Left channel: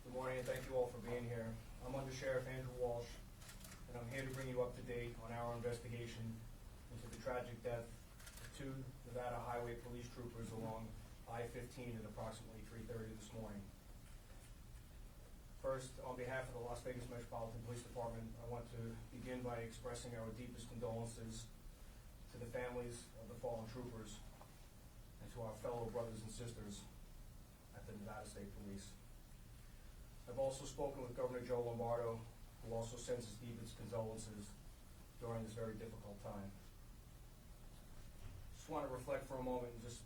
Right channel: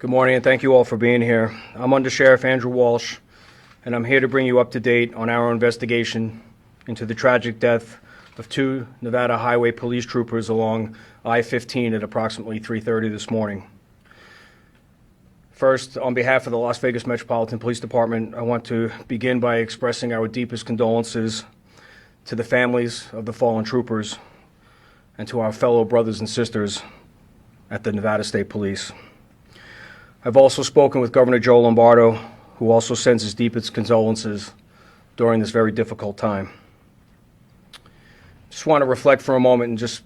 Good morning, and thank you all for being here. I'm Under Sheriff Andrew Walsh, and I'm here to bring you up to date on our investigation into the tragic death of two Nevada Highway Police troopers along I-15 at approximately 3:30 this morning. First, on behalf of the Las Vegas Metropolitan Police Department, I want to begin by expressing our deepest condolences to the families of the fallen troopers and to our fellow brothers and sisters at the Nevada State Police. I've also spoken with Governor Joe Lombardo, who also sends his deepest condolences during this very difficult time. Just want to reflect for a moment and just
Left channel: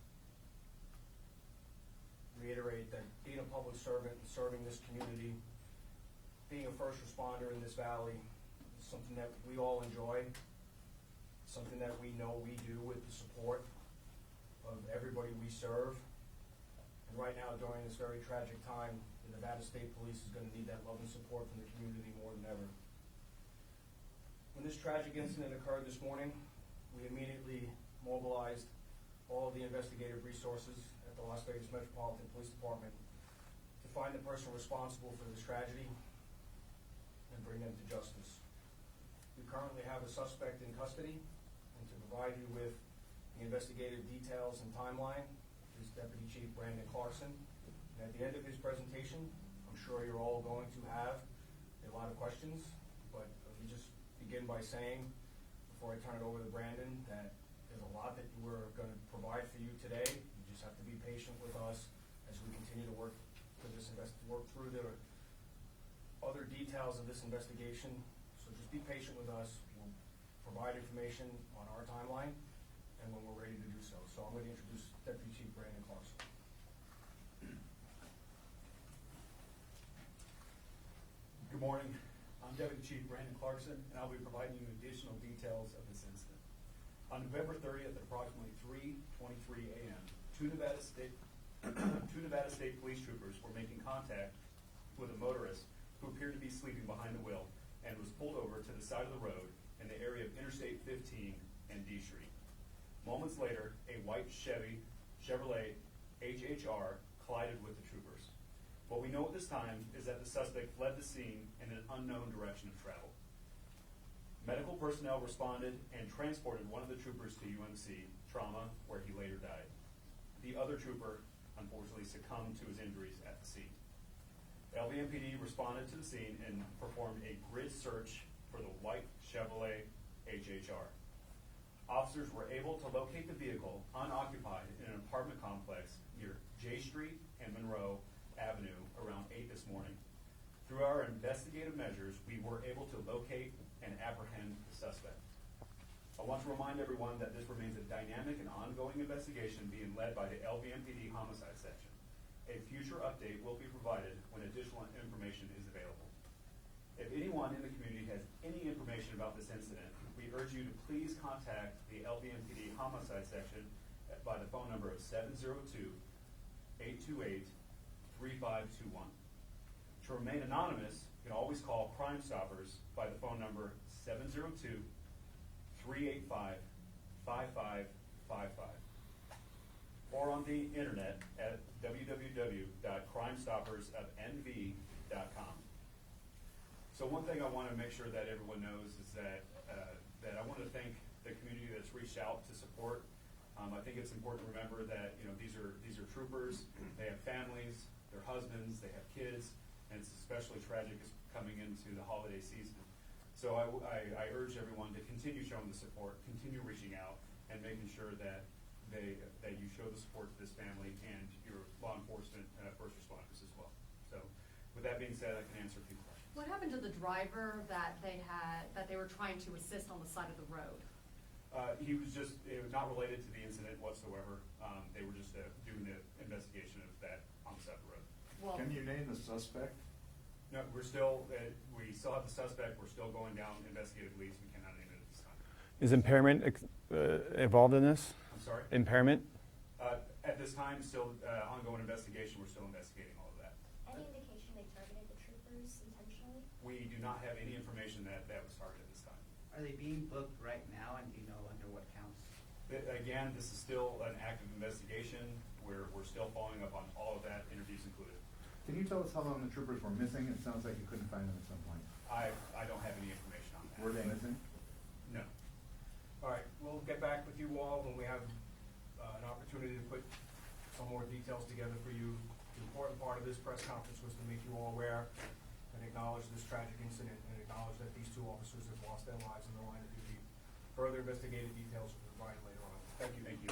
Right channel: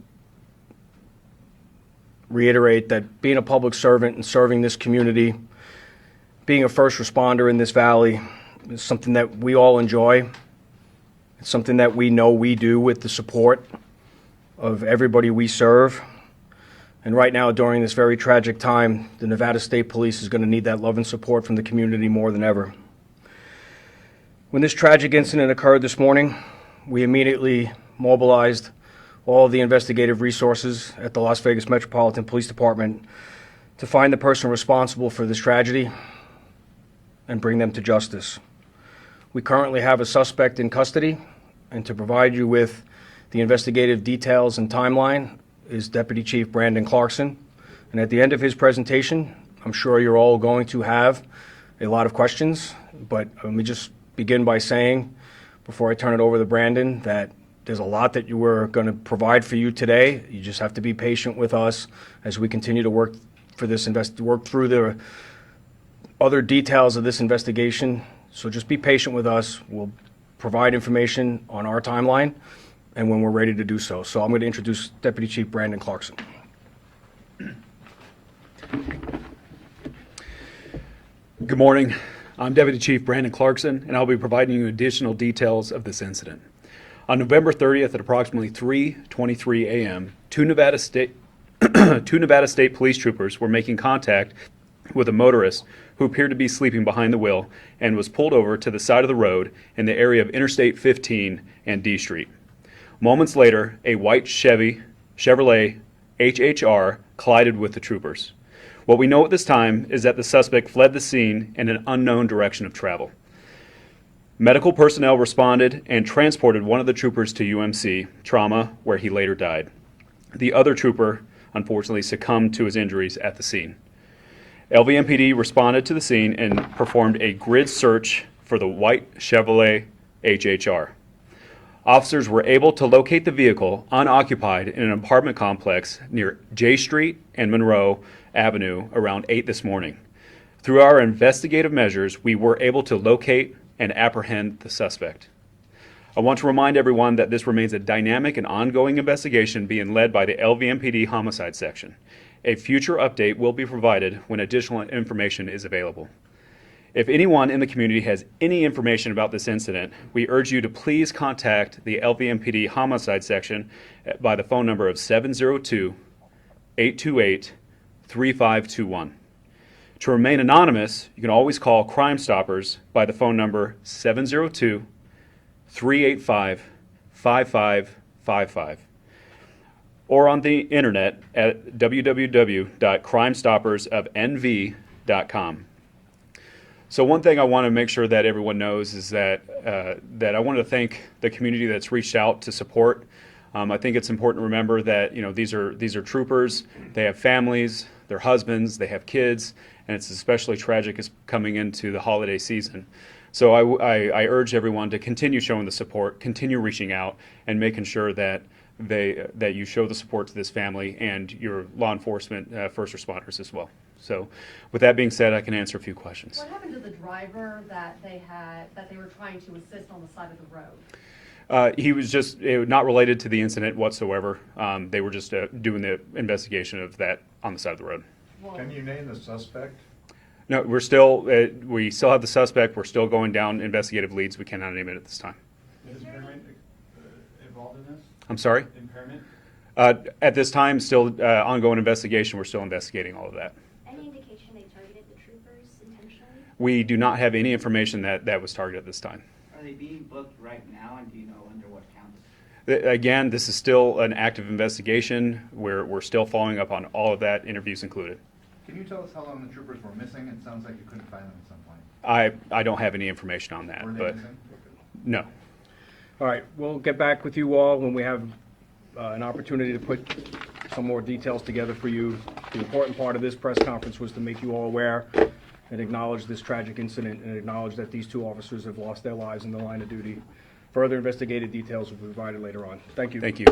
reiterate that being a public servant and serving this community, being a first responder in this valley, is something that we all enjoy. It's something that we know we do with the support of everybody we serve. And right now, during this very tragic time, the Nevada State Police is going to need that love and support from the community more than ever. When this tragic incident occurred this morning, we immediately mobilized all of the investigative resources at the Las Vegas Metropolitan Police Department to find the person responsible for this tragedy and bring them to justice. We currently have a suspect in custody, and to provide you with the investigative details and timeline is Deputy Chief Brandon Clarkson. And at the end of his presentation, I'm sure you're all going to have a lot of questions, but let me just begin by saying, before I turn it over to Brandon, that there's a lot that we're going to provide for you today. You just have to be patient with us as we continue to work through the other details of this investigation. So just be patient with us. We'll provide information on our timeline and when we're ready to do so. So I'm going to introduce Deputy Chief Brandon Clarkson. Good morning. I'm Deputy Chief Brandon Clarkson, and I'll be providing you additional details of this incident. On November 30th at approximately 3:23 a.m., two Nevada State police troopers were making contact with a motorist who appeared to be sleeping behind the wheel and was pulled over to the side of the road in the area of Interstate 15 and D Street. Moments later, a white Chevrolet HHR collided with the troopers. What we know at this time is that the suspect fled the scene in an unknown direction of travel. Medical personnel responded and transported one of the troopers to UMC Trauma, where he later died. The other trooper, unfortunately, succumbed to his injuries at the scene. LVMPD responded to the scene and performed a grid search for the white Chevrolet HHR. Officers were able to locate the vehicle unoccupied in an apartment complex near J Street and Monroe Avenue around 8 this morning. Through our investigative measures, we were able to locate and apprehend the suspect. I want to remind everyone that this remains a dynamic and ongoing investigation being led by the LVMPD Homicide Section. A future update will be provided when additional information is available. If anyone in the community has any information about this incident, we urge you to please contact the LVMPD Homicide Section by the phone number of 702-828-3521. To remain anonymous, you can always call Crime Stoppers by the phone number 702-385-5555 or on the internet at www.crimestoppersofnv.com. So one thing I want to make sure that everyone knows is that I want to thank the community that's reached out to support. I think it's important to remember that these are troopers. They have families, their husbands, they have kids, and it's especially tragic as coming into the holiday season. So I urge everyone to continue showing the support, continue reaching out, and making sure that you show the support to this family and your law enforcement first responders as well. So with that being said, I can answer a few questions. What happened to the driver that they were trying to assist on the side of the road? He was just not related to the incident whatsoever. They were just doing the investigation of that on the side of the road. Well, Can you name the suspect? No, we still have the suspect. We're still going down investigative leads. We cannot name it at this time. Is impairment involved in this? I'm sorry? Impairment? At this time, still ongoing investigation. We're still investigating all of that. Any indication they targeted the troopers intentionally? We do not have any information that was targeted at this time. Are they being booked right now, and do you know under what counts? Again, this is still an active investigation. We're still following up on all of that, interviews included. Can you tell us how long the troopers were missing? It sounds like you couldn't find them at some point. I don't have any information on that, Were they but missing? no. All right, we'll get back with you all when we have an opportunity to put some more details together for you. The important part of this press conference was to make you all aware and acknowledge this tragic incident and acknowledge that these two officers have lost their lives in the line of duty. Further investigated details will be provided later on. Thank you. Thank you.